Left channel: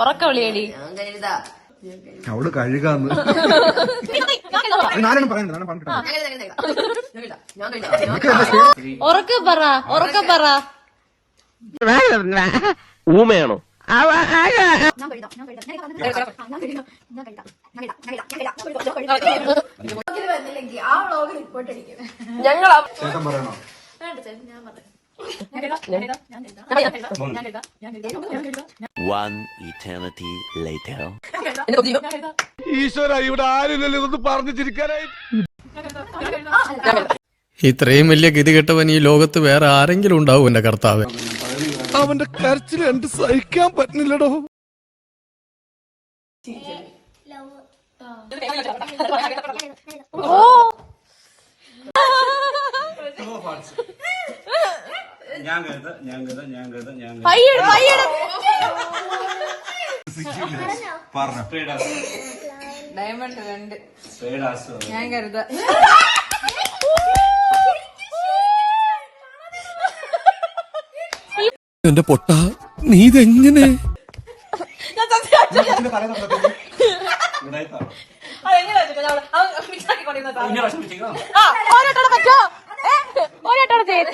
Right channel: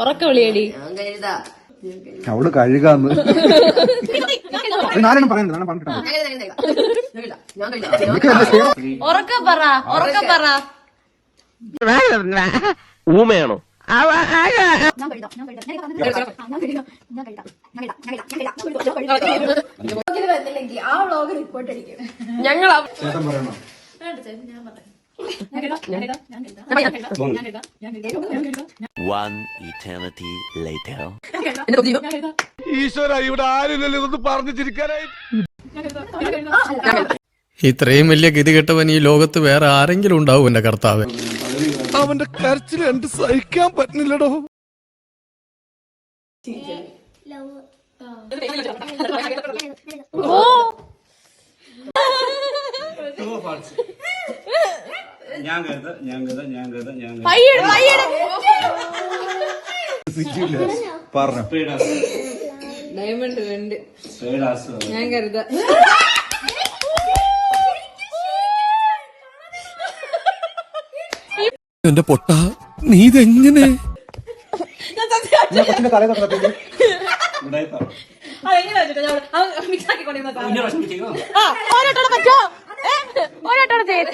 ഉറക്ക വിളിയടി. അവള് കഴുകാന്ന് നാലെണ്ണം പറയുന്നത് ഉറക്ക പറ, ഉറക്ക പറ. ഊമയാണോ? ഈശ്വര, ഇവിടെ ആരില്ലല്ലോ ഇതൊന്ന് പറഞ്ഞു ചിരിക്കാനായി. ഇത്രയും വലിയ ഗതികെട്ടവൻ ഈ ലോകത്ത് വേറെ ആരെങ്കിലും ഉണ്ടാവും എന്റെ കർത്താവ്. അവന്റെ കരച്ചിൽ എനിക്ക് സഹിക്കാൻ പറ്റുന്നില്ലടോ. ഡയമണ്ട് 2 ഞാൻ കരുത. എന്റെ പൊട്ട, നീ ഇതെങ്ങനെ? ഓരോട്ടോടെ പറ്റോ? ഓരോട്ടോടെ ചെയ്യും.